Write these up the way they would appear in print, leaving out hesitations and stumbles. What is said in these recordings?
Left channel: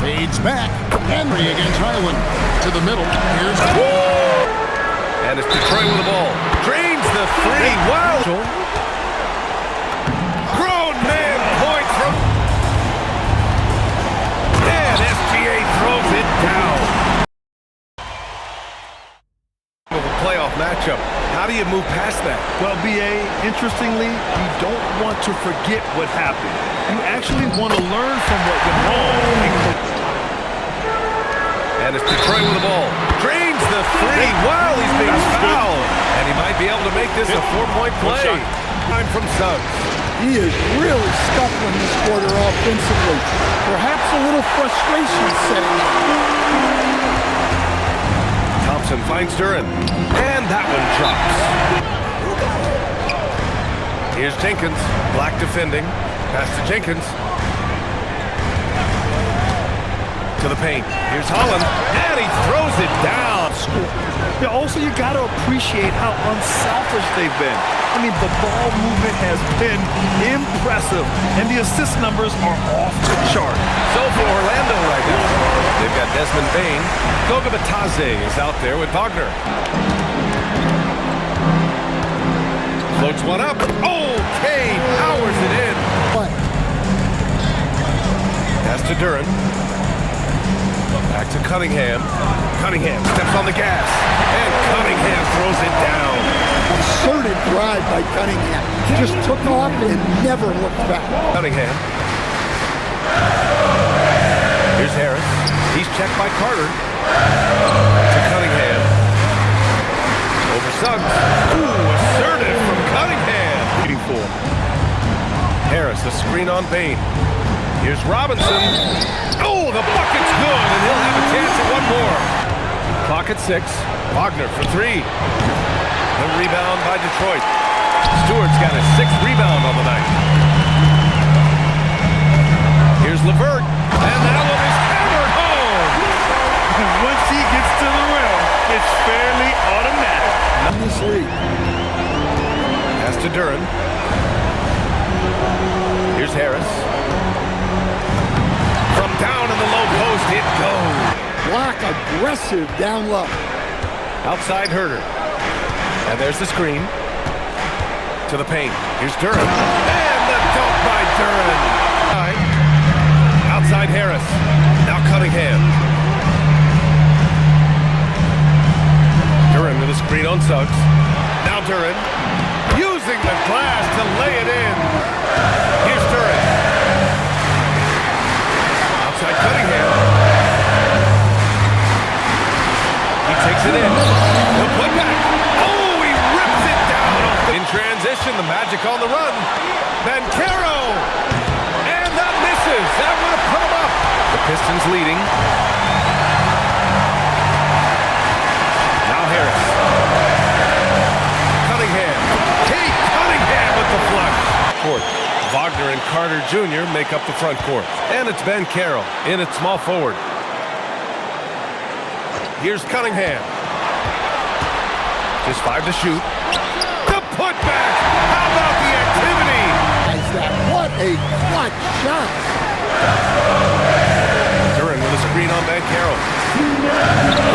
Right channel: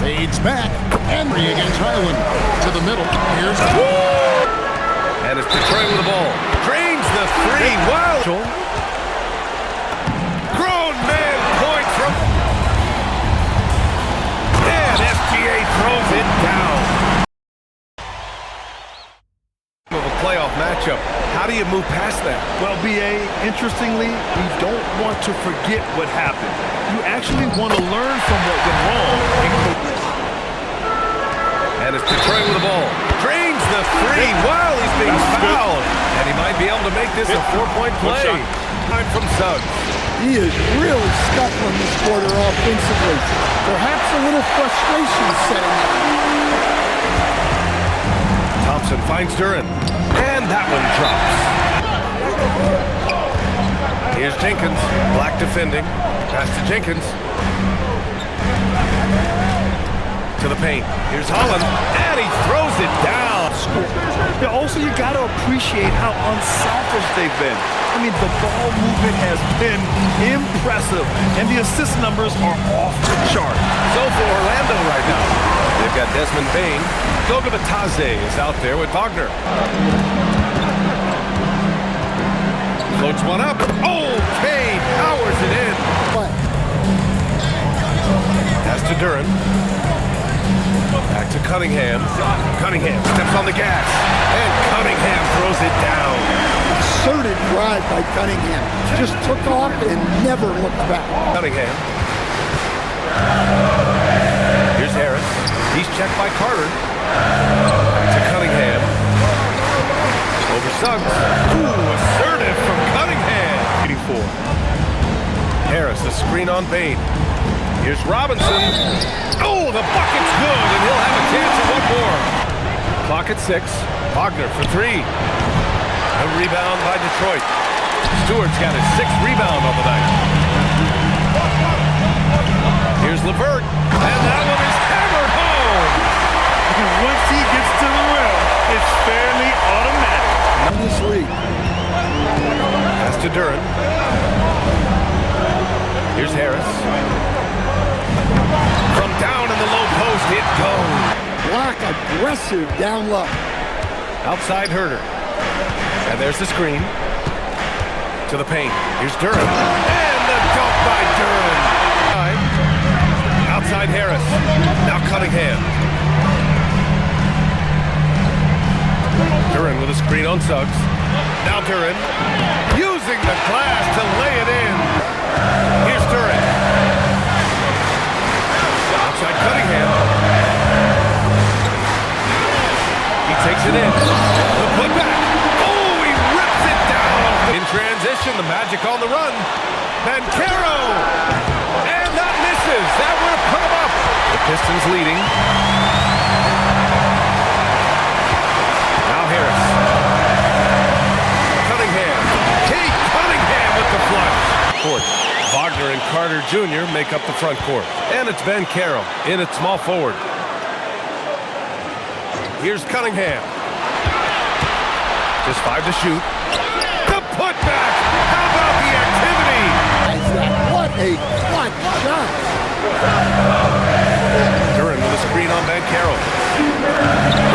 Fades back. Henry against Highland. To the middle. Here's... And it's Detroit with the ball. Drains the three. Wow. Grown man point from... And SGA throws it down. Of a playoff matchup. How do you move past that? Well, B.A., interestingly, you don't want to forget what happened. You actually want to learn from what went wrong. And it's Detroit with the ball. Drains the three while he's being fouled. And he might be able to make this a four-point play. Time from Suggs. He is really scuffling this quarter offensively. Perhaps a little frustration setting in. Thompson finds Duran. And that one drops. Here's Jenkins. Black defending. Pass to Jenkins. To the paint. Here's Holland. And he throws it down. Yeah, also, you got to appreciate how unselfish they've been. I mean, the ball movement has been impressive, and the assist numbers are off the chart. So for Orlando right now, they've got Desmond Bane. Goga Batadze is out there with Wagner. Floats one up. Okay, powers it in. Pass to Duran. Back to Cunningham. Cunningham steps on the gas. And Cunningham throws it down. Assertive drive by Cunningham. Just took off and never looked back. Cunningham. Here's Harris. He's checked by Carter. To Cunningham. Over Suggs. Ooh, assertive from Cunningham. 84. Harris, a screen on Bane. Here's Robinson. Oh, the bucket's good, and he'll have a chance at one more. Clock at 6. Wagner for three. A rebound by Detroit. Stewart's got his 6th rebound on the night. Here's LeVert, and that one is hammered home. And once he gets to the rim, it's fairly automatic. In this league. Pass to Duran. Here's Harris. From down in the low post, it goes. Black aggressive down low. Outside Herter. And there's the screen. To the paint. Here's Duran. And the dunk by Duran. Outside Harris. Now Cunningham. Duran with a screen on Suggs. Now Duran. Using the glass to lay it in. Here's Duran. Outside Cunningham. He takes it in. The putback. Oh, he rips it down. In transition, the Magic on the run. Banchero. And that misses. That would have put him up. The Pistons leading. Now Harris. Cunningham. Kate Cunningham with the flush. Court. Wagner and Carter Jr. make up the front court. And it's Banchero in at small forward. Here's Cunningham. Just 5 to shoot. The putback. How about the activity? What a clutch shot. Duran with a screen on Banchero.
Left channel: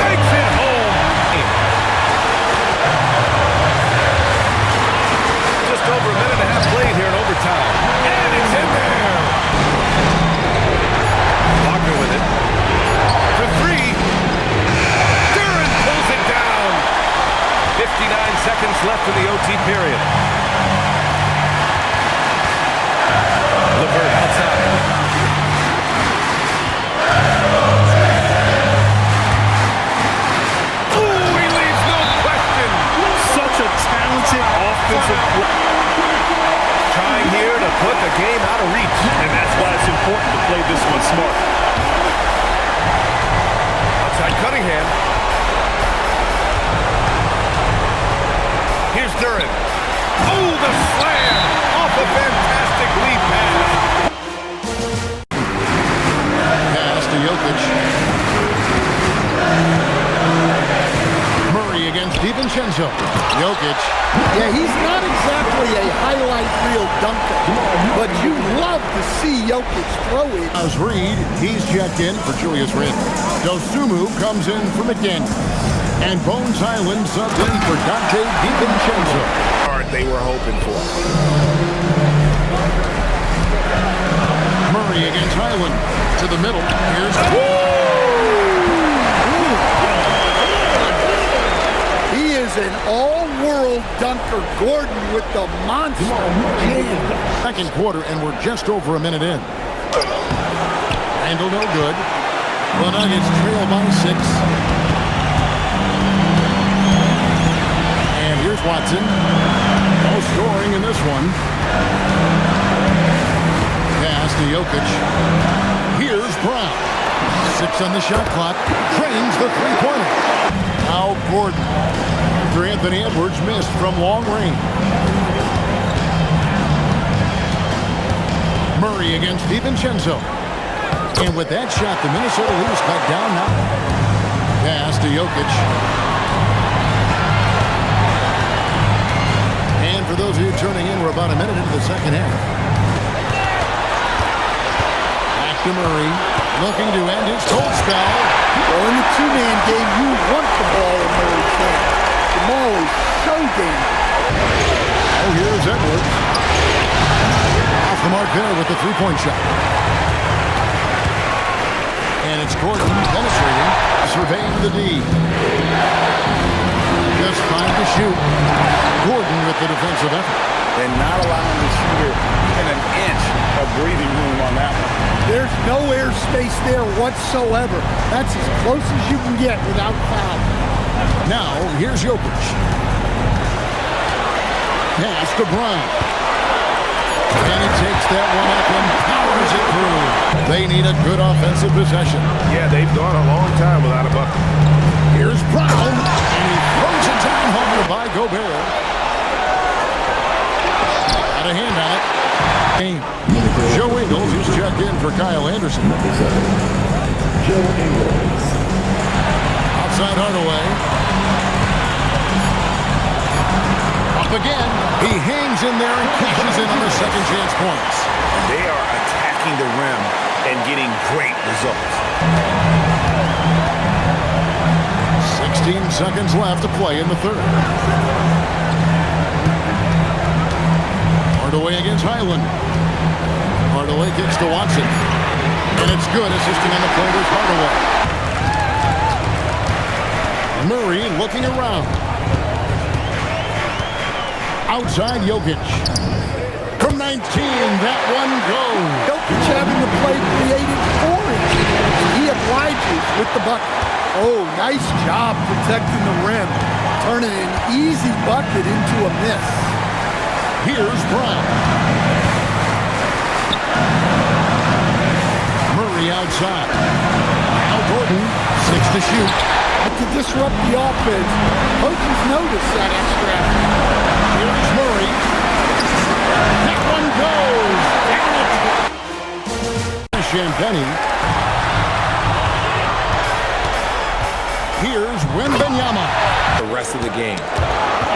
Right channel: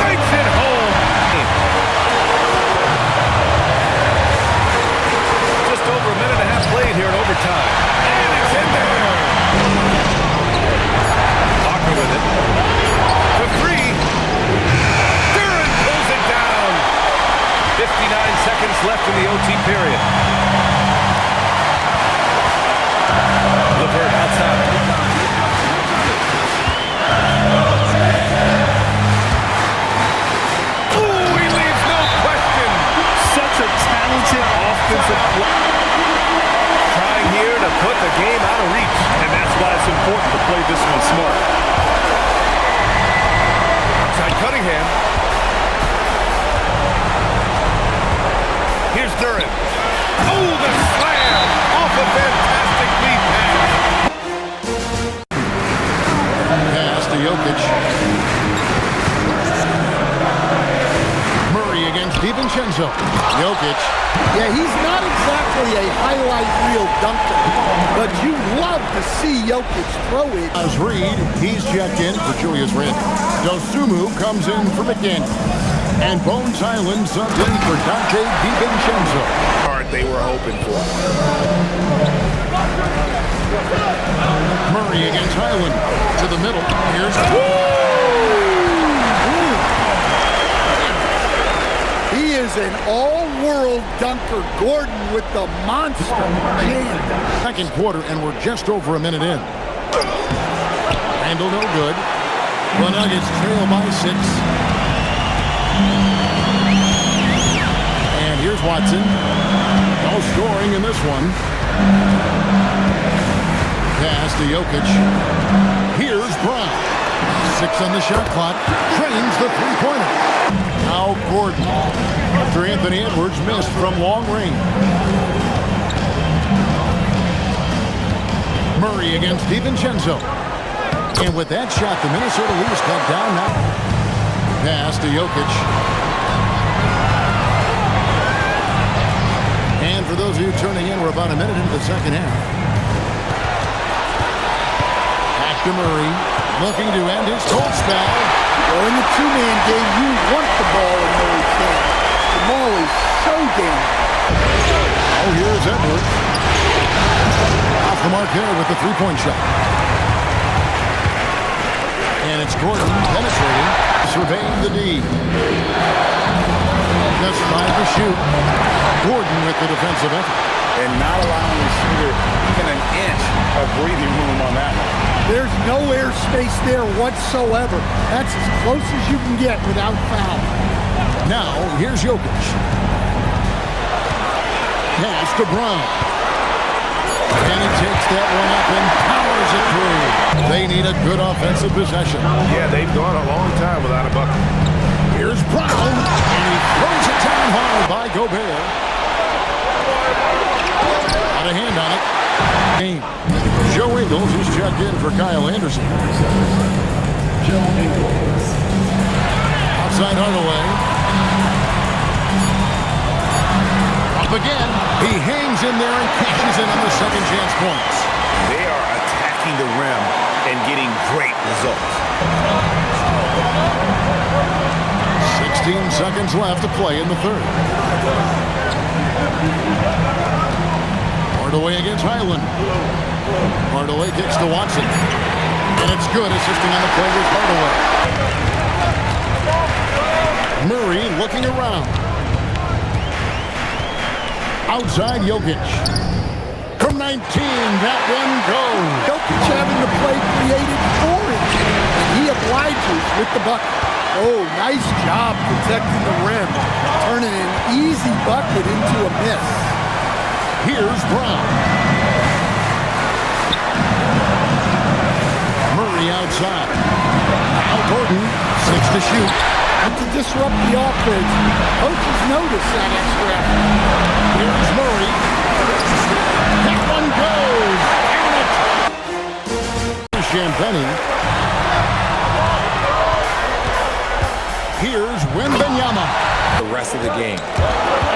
Breaks it home. Just over a minute and a half played here in overtime. And it's in there. Wagner with it. For three. Duran pulls it down. 59 seconds left in the OT period. LeVert outside. Ooh, he leaves no question. Such a talented offensive play. Trying here to put the game out of reach. And that's why it's important to play this one smart. Outside Cunningham. Here's Duran. Oh, the slam off a fantastic lead pass. Pass to Jokic. Murray Murray against DiVincenzo. Jokic. Yeah, he's not exactly a highlight reel dunker, but you love to see Jokic throw it. As Reed, he's checked in for Julius Randle. Dosumu comes in for McDaniel. And Bones Island subbed in for Dante DiVincenzo. Card they were hoping for. Murray against Highland. To the middle. Here's... He is an all-world dunker. Gordon with the monster jam. Second quarter, and we're just over a minute in. Randle no good. The Nuggets trail by 6. And here's Watson. No scoring in this one. Pass to Jokic. Here's Brown. 6 on the shot clock. Trains the three-pointer. Now Gordon. After Anthony Edwards missed from long range. Murray against DiVincenzo. And with that shot, the Minnesota lead is cut down now. Pass to Jokic. And for those of you turning in, we're about a minute into the second half. Back to Murray, looking to end his cold spell. Well, in the two-man game, you want the ball in Murray's hand. Jamal is so dangerous. Oh, here's Edwards. Off the mark there with the three-point shot. And it's Gordon penetrating, surveying the D. Just 5 to shoot. Gordon with the defensive effort. And not allowing the shooter even an inch of breathing room on that one. There's no airspace there whatsoever. That's as close as you can get without foul. Now, here's Jokic. Pass to Brown. And he takes that one up and powers it through. They need a good offensive possession. Yeah, they've gone a long time without a bucket. Here's Brown, and he throws it down hard by Gobert. Got a hand on it. Game. Joe Ingles, he's checked in for Kyle Anderson. Joe Ingles. Outside Hardaway. Up again. He hangs in there and cashes in on the second chance points. They are attacking the rim and getting great results. 16 seconds left to play in the third. Hardaway against Highland. Hardaway kicks to Watson. And it's good. Assisting on the play was Hardaway. Murray looking around. Outside Jokic. From 19, that one goes. Jokic having the play created for him. And he obliges with the bucket. Oh, nice job protecting the rim. Turning an easy bucket into a miss. Here's Brown. Murray outside. Now Gordon, 6 to shoot. To disrupt the offense, coaches notice that extra effort. Here's Murray. That one goes. Count it. Champagny. Here's Wembanyama. The rest of the game.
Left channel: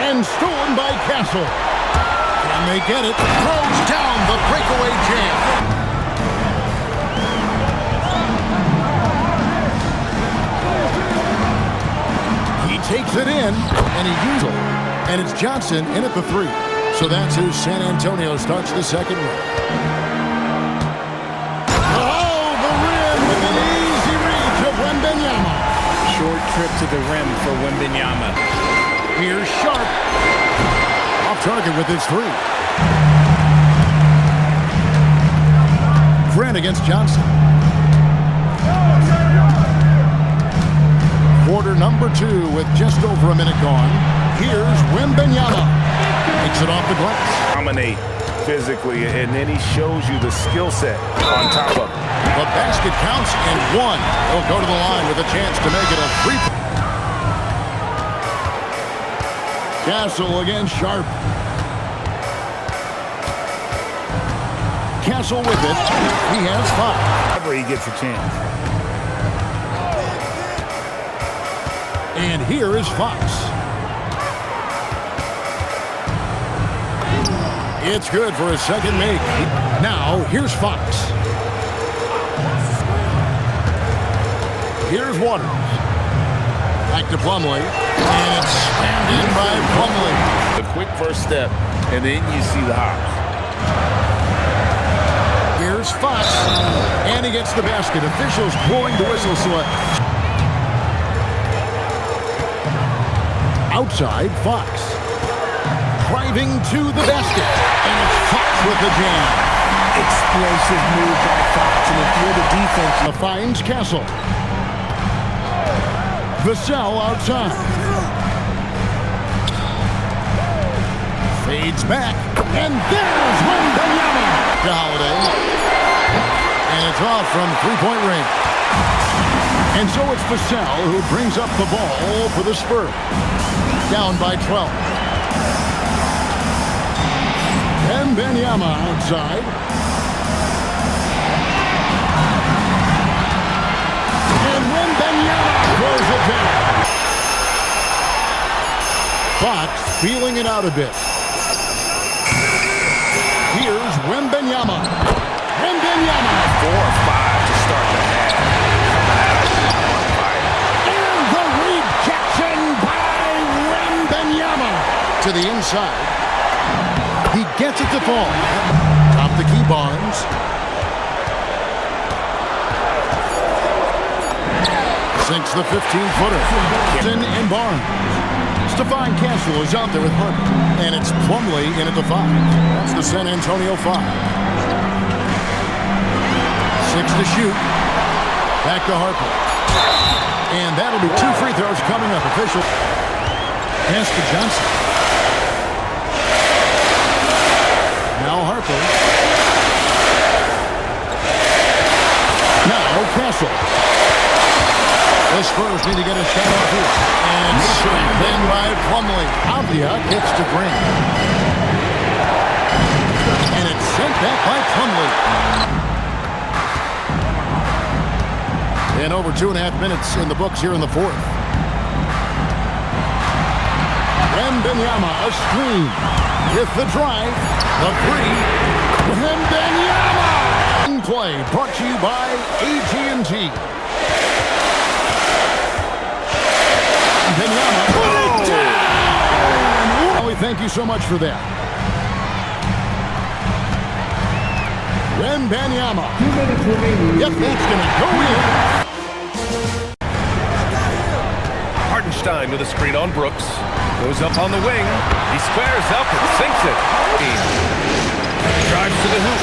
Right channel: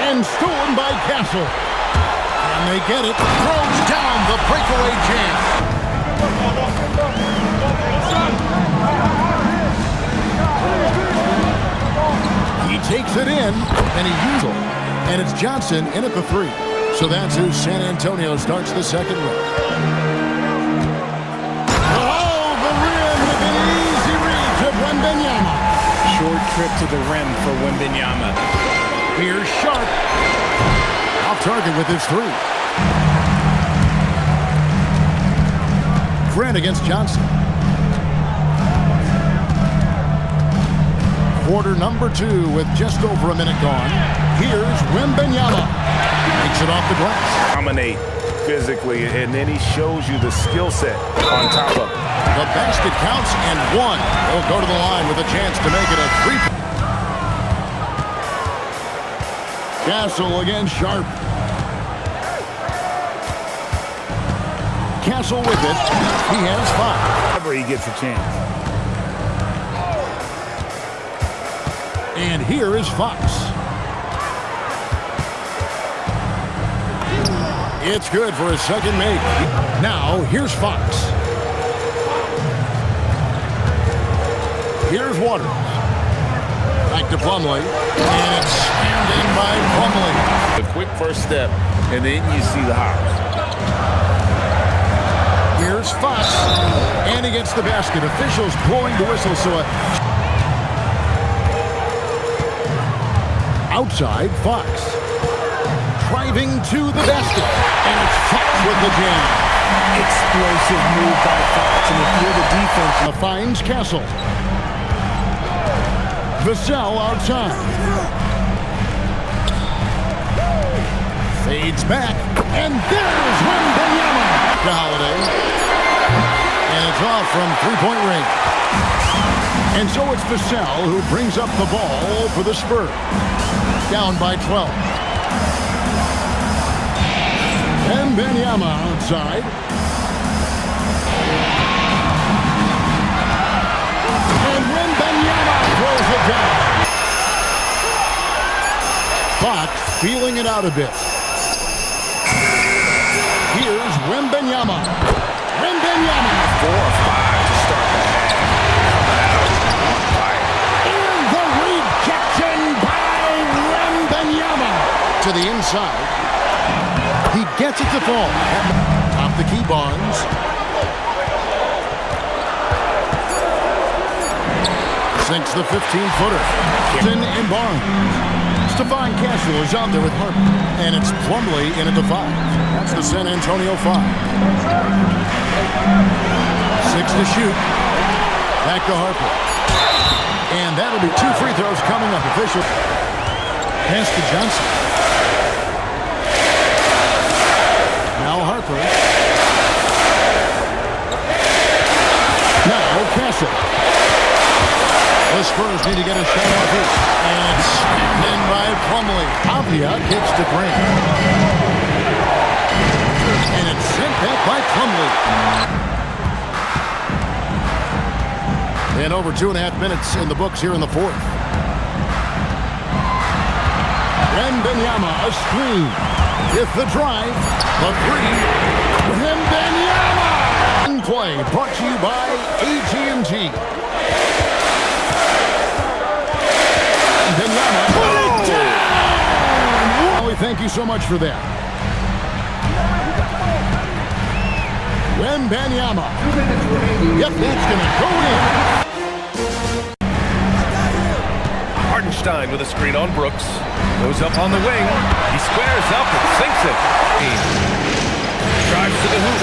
And stolen by Castle. Can they get it? Throws down the breakaway jam. He takes it in, and he uses it. And it's Johnson in at the 3. So that's who San Antonio starts the second round. Oh, the rim with an easy reach of Wembanyama. Short trip to the rim for Wembanyama. Here's Sharp. Off target with his 3. Grant against Johnson. Quarter number 2 with just over a minute gone. Here's Wembanyama. Makes it off the glass. Dominate physically, and then he shows you the skill set on top of it. The basket counts and 1. He'll go to the line with a chance to make it a 3. Castle against Sharp. Castle with it. He has 5. Whenever he gets a chance. And here is Fox. It's good for his second make. Now, here's Fox. Here's Waters. Back to Plumlee. And it's slammed in by Plumlee. A quick first step, and then you see the hops. Here's Fox. And he gets the basket. Officials blowing the whistle, so outside, Fox. Driving to the basket. And it's Fox with the jam. Explosive move by Fox, and if you're the defense, Finds Castle. Vassell outside. Fades back. And there's Wembanyama to Holiday. And it's off from three-point range. And so it's Vassell who brings up the ball for the Spurs. Down by 12. Wembanyama outside. And Wembanyama throws it down. Fox feeling it out a bit. Here's Wembanyama. Wembanyama. 4 or 5 to start the half. Coming out on fire. And the rejection by Wembanyama. To the inside. He gets it to fall. Top the key, Barnes. Sinks the 15-footer. Gibson and Barnes. Stephon Castle is out there with Harper. And it's Plumlee in at the 5. That's the San Antonio 5. 6 to shoot. Back to Harper. And that'll be 2 free throws coming up. Official. Pass to Johnson. Now Harper. Now Castle. The Spurs need to get a shot off here. And slammed in by Plumlee. Avia gets to Grant. And it's sent back by Plumlee. And over 2.5 minutes in the books here in the fourth. Wembanyama, a screen. With the drive, the 3. Wembanyama! In play, brought to you by AT&T. Wembanyama, put it down! Well, we thank you so much for that. Wembanyama. 2 minutes remaining. Yep, that's going to go in. Hartenstein with a screen on Brooks. Goes up on the wing. He squares up and sinks it. Drives to the hoop.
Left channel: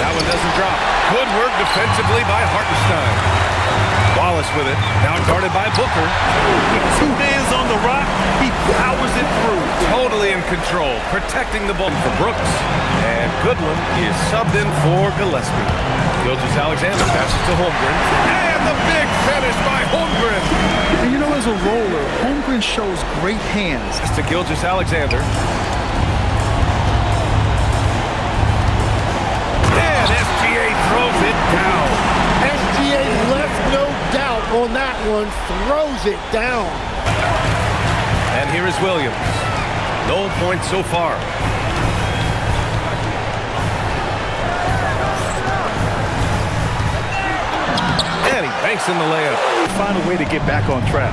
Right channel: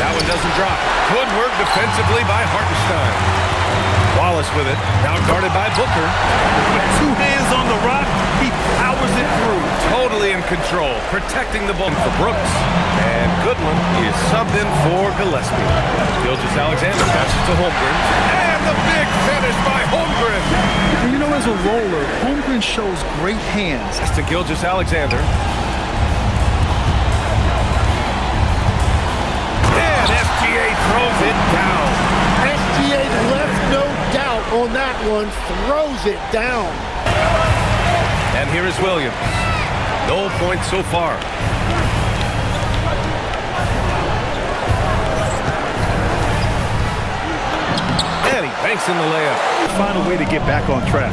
That one doesn't drop. Good work defensively by Hartenstein. Wallace with it. Now guarded by Booker. With 2 hands on the rock, he powers it through. Totally in control. Protecting the ball for Brooks. And Goodwin is subbed in for Gillespie. Gilgeous-Alexander passes to Holmgren. And the big finish by Holmgren. And you know, as a roller, Holmgren shows great hands. That's to Gilgeous-Alexander. And SGA throws it down. SGA left no doubt on that one. Throws it down. And here is Williams. No points so far. And he banks in the layup. Find a way to get back on track.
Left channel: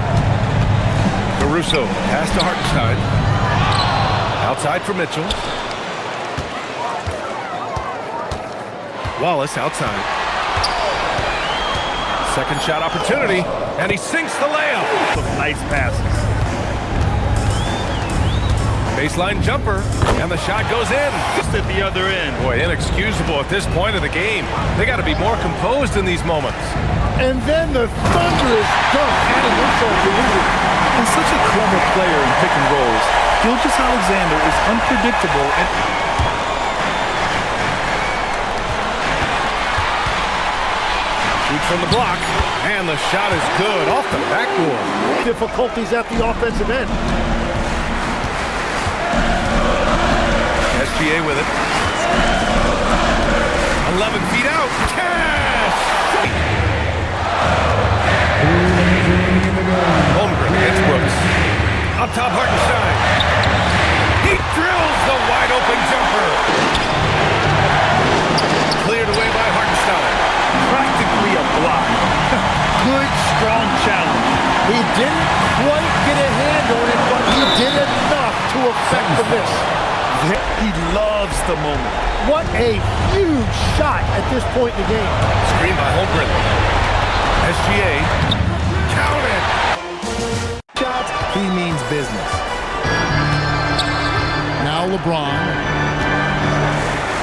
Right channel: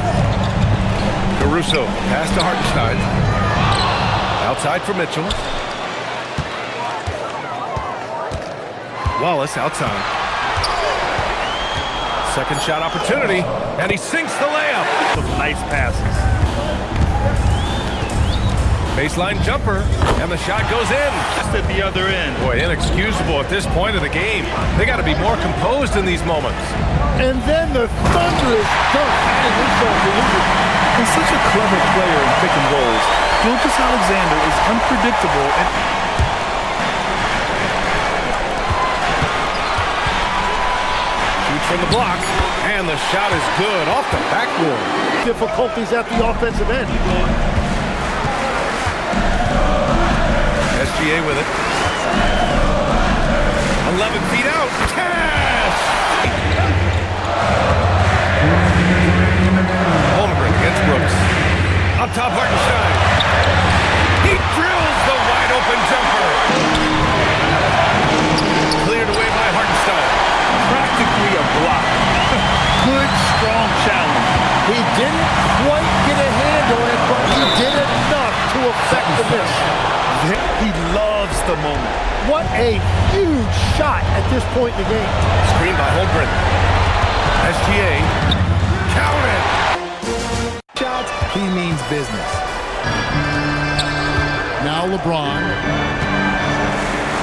Caruso, pass to Hartenstein. Outside for Mitchell. Wallace outside. Second shot opportunity, and he sinks the layup. Some nice passes. Baseline jumper, and the shot goes in. Just at the other end. Boy, inexcusable at this point of the game. They got to be more composed in these moments. And then the thunderous dunk, adding insult to injury. And such a clever player in pick and rolls, Gilgeous-Alexander is unpredictable and shoots from the block, and the shot is good off the backboard. Difficulties at the offensive end. SGA with it. 11 feet out. Cash! Holmgren against Brooks. Up top, Hartenstein. He drills the wide open open jumper. Cleared away by Hartenstein. Practically a block. Good, strong challenge. He didn't quite get a hand on it, but he did enough to affect the miss. He loves the moment. What a huge shot at this point in the game. Screen by Holmgren. SGA. Count it. Shots, he means business. Now LeBron.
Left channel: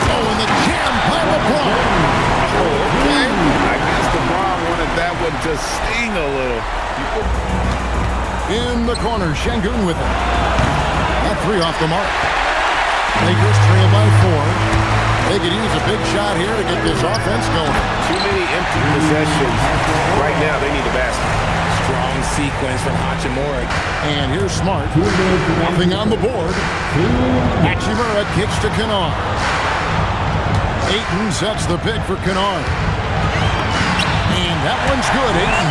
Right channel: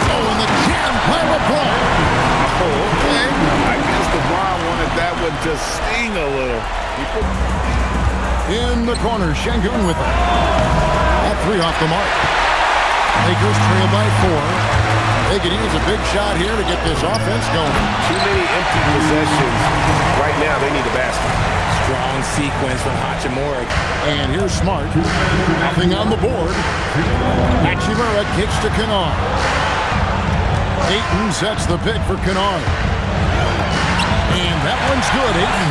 Oh, and the jam by LeBron. Oh, okay. I guess LeBron wanted that one to sting a little. In the corner, Şengün with it. That three off the mark. Lakers trail by 4. They could use a big shot here to get this offense going. Too many empty possessions. Right now, they need a basket. Strong sequence from Hachimura. And here's Smart. Nothing on the board. Hachimura kicks to Kennard. Ayton sets the pick for Kennard. And that one's good, Ayton.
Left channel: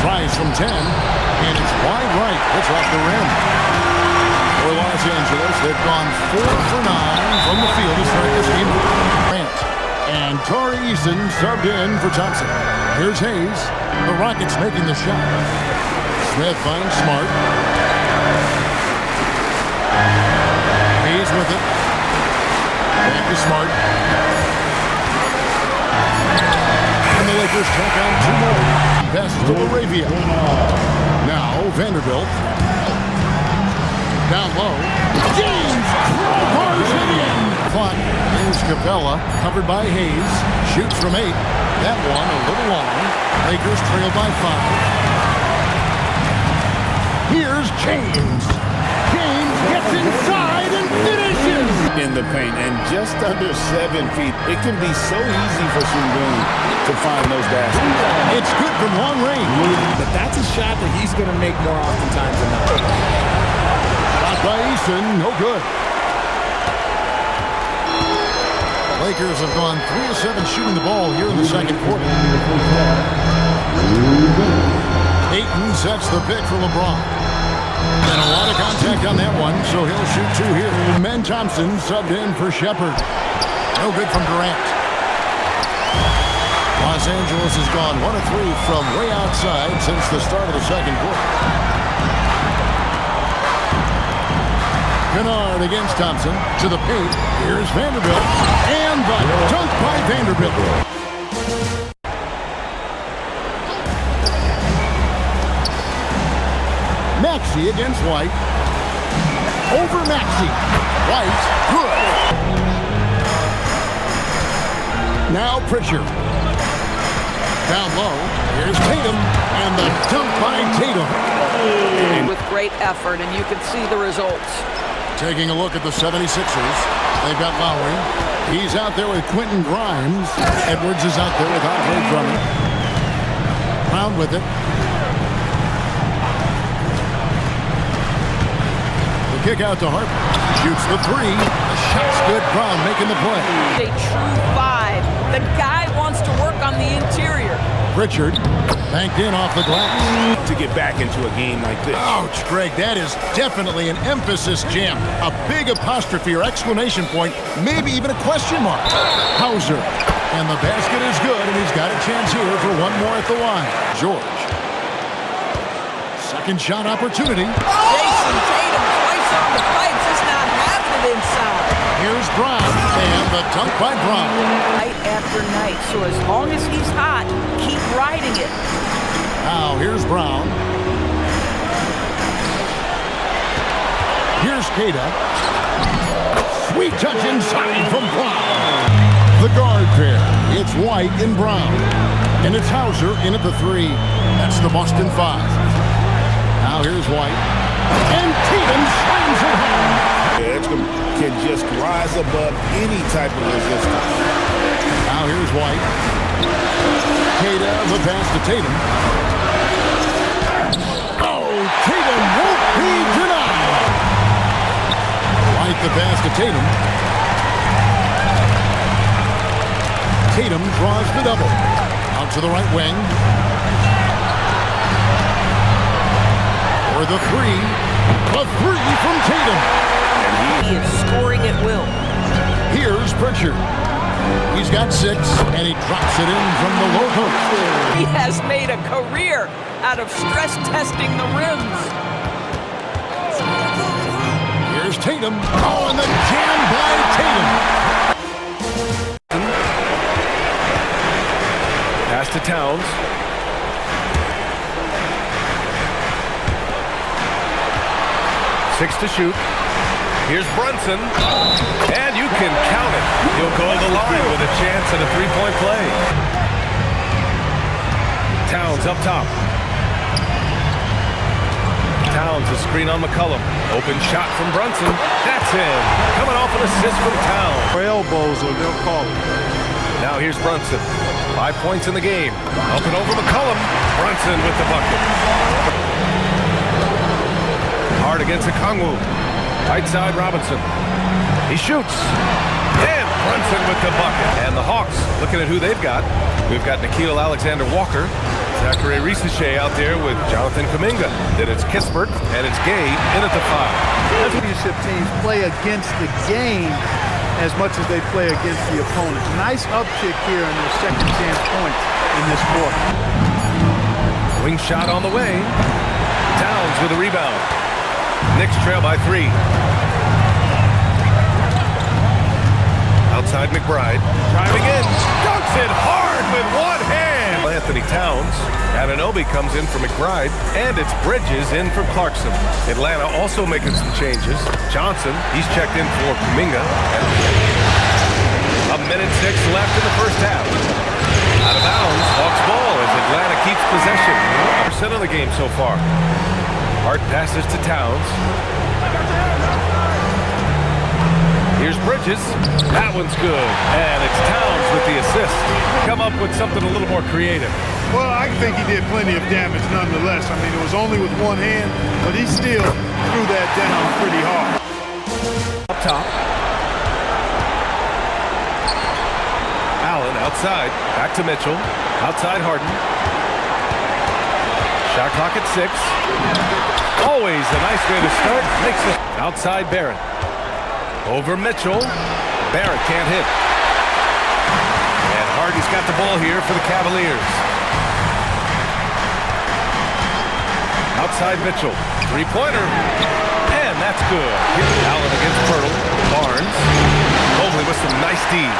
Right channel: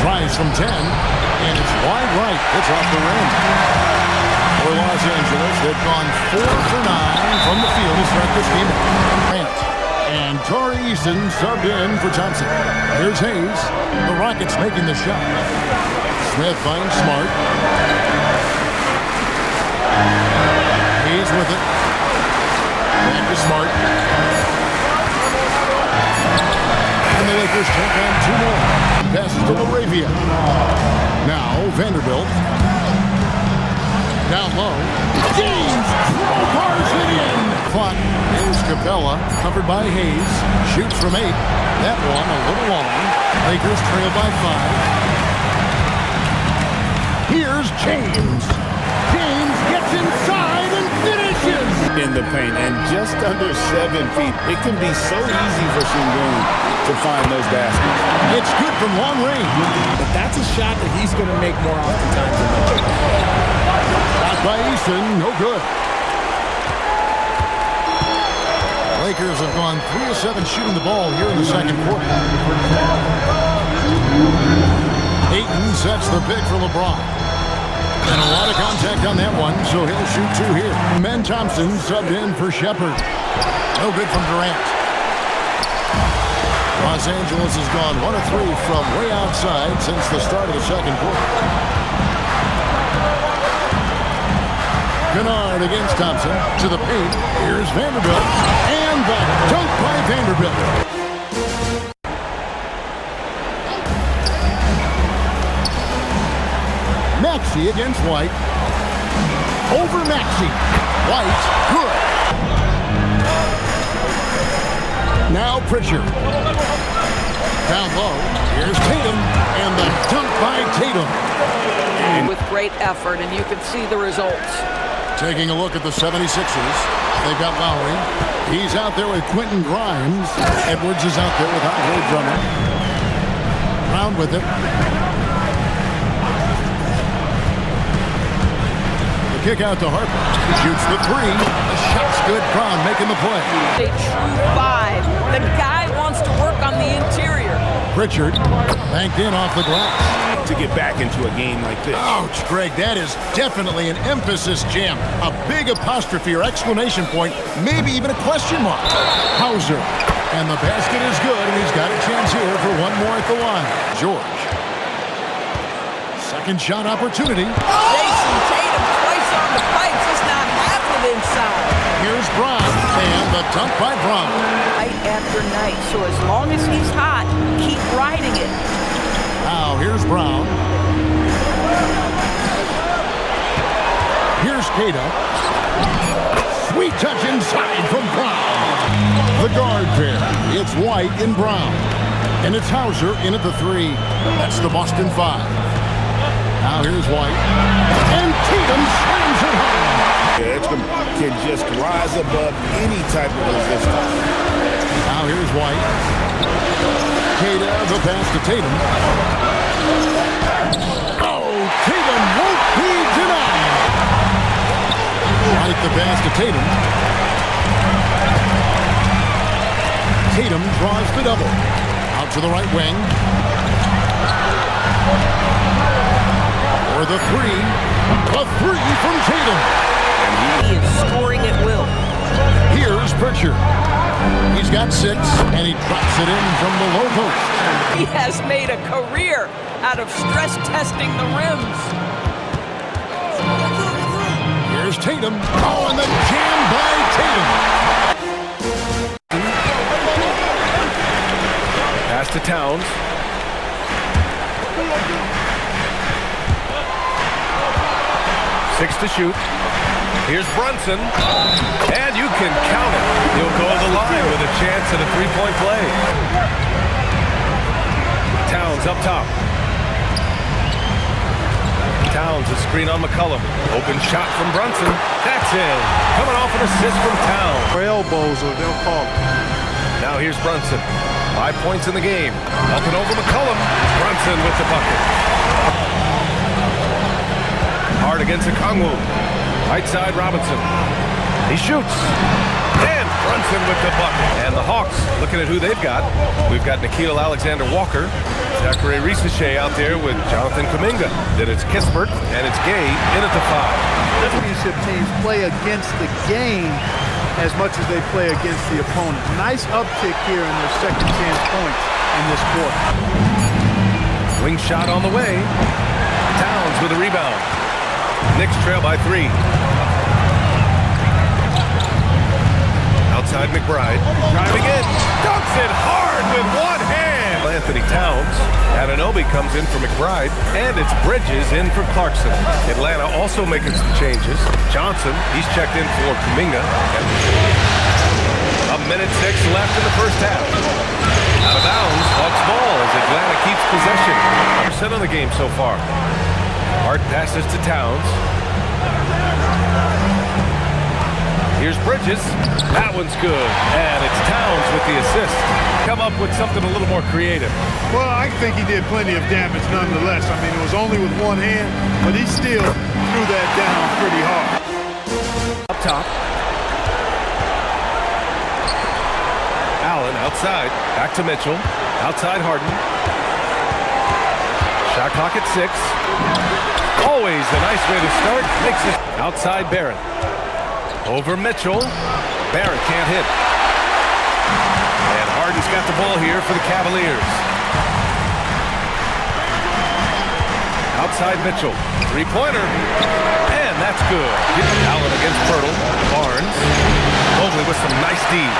Tries from 10, and it's wide right. It's off the rim. For Los Angeles, they've gone 4 for 9 from the field to start this game. Grant. And Tari Eason subbed in for Thompson. Here's Hayes. The Rockets making the shot. Smith finds Smart. Hayes with it. Back to Smart. And the Lakers check on 2 more. Passes to Laravia. Now Vanderbilt. Down low. James crowbars it in. Clock. Here's Capella. Covered by Hayes. Shoots from 8. That one a little long. Lakers trail by 5. Here's James. James gets inside and finishes. In the paint and just under 7 feet. It can be so easy for Şengün to find those baskets. It's good from long range. But that's a shot that he's going to make more oftentimes than not. Shot by Eason, no good. Lakers have gone 3 of 7 shooting the ball here in the second quarter. Ayton sets the pick for LeBron. And a lot of contact on that one, so he'll shoot 2 here. Men Thompson subbed in for Shepard. No good from Durant. Los Angeles has gone 1 of 3 from way outside since the start of the second quarter. Kennard against Thompson to the paint. Here's Vanderbilt. And the dunk by Vanderbilt. Maxey against White. Over Maxey. White, good. Now Pritchard. Down low. Here's Tatum. And the dunk by Tatum. With great effort, and you can see the results. Taking a look at the 76ers. They've got Lowry. He's out there with Quentin Grimes. Edwards is out there with Andre Drummond. Brown with it. The kick out to Harper. Shoots the 3. The shot's good. Brown making the play. A true 5. The guy wants to work on the interior. Pritchard banked in off the glass. To get back into a game like this. Ouch, Greg, that is definitely an emphasis jam. A big apostrophe or exclamation point, maybe even a question mark. Hauser. And the basket is good, and he's got a chance here for 1 more at the line. George. Second shot opportunity. Jason Tatum twice on the pipes, just not having it inside. Here's Brown, and the dunk by Brown. Night after night, so as long as he's hot, keep riding it. Now here's Brown. Here's Queta. Sweet touch inside from Brown. The guard pair. It's White and Brown. And it's Hauser in at the 3. That's the Boston 5. Now here's White. And Tatum slams it home. Tatum can just rise above any type of resistance. Now here's White. Queta, the pass to Tatum. Oh, Tatum won't be denied. White, the pass to Tatum. Tatum draws the double. Out to the right wing. For the 3. A 3 from Tatum. And He is scoring at will. Here's Pritchard. He's got 6, and he drops it in from the low post. He has made a career out of stress testing the rims. Here's Tatum. Oh, and the jam by Tatum. Pass to Towns. Six to shoot. Here's Brunson. And you can count it. He'll go to the line with a chance at a three-point play. Towns up top. Towns, a screen on McCollum. Open shot from Brunson. That's in. Coming off an assist from Towns. For elbows, or they'll call it. Now here's Brunson. 5 points in the game. Up and over McCollum. Brunson with the bucket. Hard against Okongwu. Right side Robinson. He shoots. And Brunson with the bucket. And the Hawks, looking at who they've got. We've got Nickeil Alexander-Walker. Zachary Risache out there with Jonathan Kuminga. Then it's Kispert and it's Gay in at the 5. Championship teams play against the game as much as they play against the opponent. Nice uptick here in their second chance points in this quarter. Wing shot on the way. Towns with a rebound. Knicks trail by 3. Outside McBride. Driving in. Dunks it hard with one hand. Anthony Towns. Anunoby comes in for McBride. And it's Bridges in for Clarkson. Atlanta also making some changes. Johnson, he's checked in for Kuminga. A minute 6 left in the first half. Out of bounds, Hawks ball as Atlanta keeps possession. 100% of the game so far. Hart passes to Towns. Here's Bridges. That one's good. And it's Towns with the assist. Come up with something a little more creative. Well, I think he did plenty of damage nonetheless. I mean, it was only with one hand, but he still threw that down pretty hard. Up top. Allen outside. Back to Mitchell. Outside Harden. Shot clock at 6. Always a nice way to start. Makes it outside Barrett. Over Mitchell. Barrett can't hit. And Harden's got the ball here for the Cavaliers. Outside Mitchell. Three-pointer. And that's good. Allen against Pirtle. Barnes. Mobley with some nice D.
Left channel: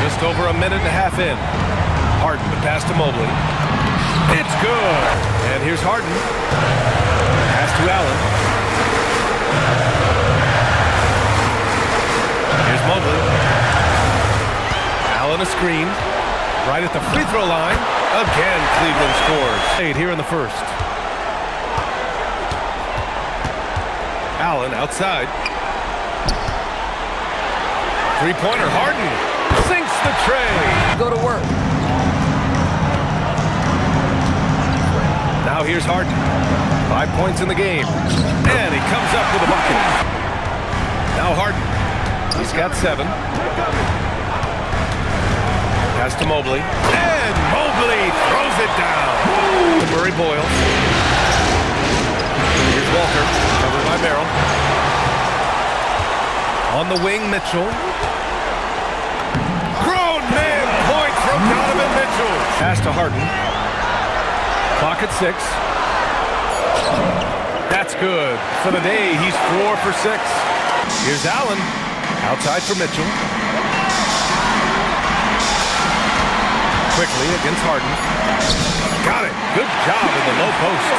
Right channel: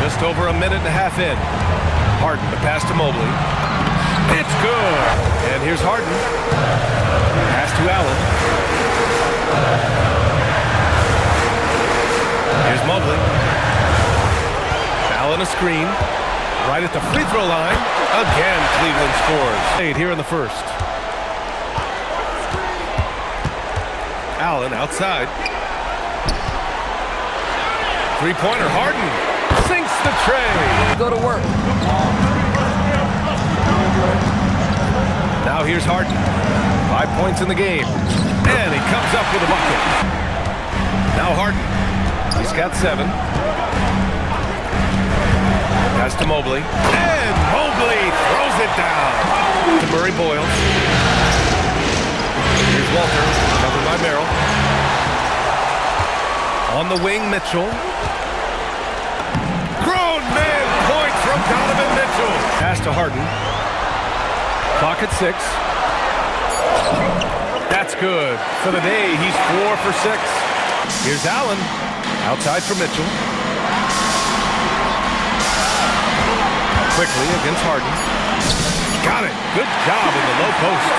Just over a minute and a half in. Harden, the pass to Mobley. It's good. And here's Harden. Pass to Allen. Here's Mobley. Allen a screen. Right at the free throw line. Again, Cleveland scores. 8 here in the first. Allen outside. Three-pointer, Harden. Sinks the tray. Go to work. Now here's Harden. 5 points in the game. And he comes up with a bucket. Now Harden. He's got 7. Pass to Mobley. And Mobley throws it down. To Murray Boyle. Here's Walter. Covered by Merrill. On the wing, Mitchell. Grown man point from Donovan Mitchell. Pass to Harden. Clock at 6. That's good. For the day, he's 4 for 6. Here's Allen. Outside for Mitchell. Quickly against Harden. Got it. Good job in the low post.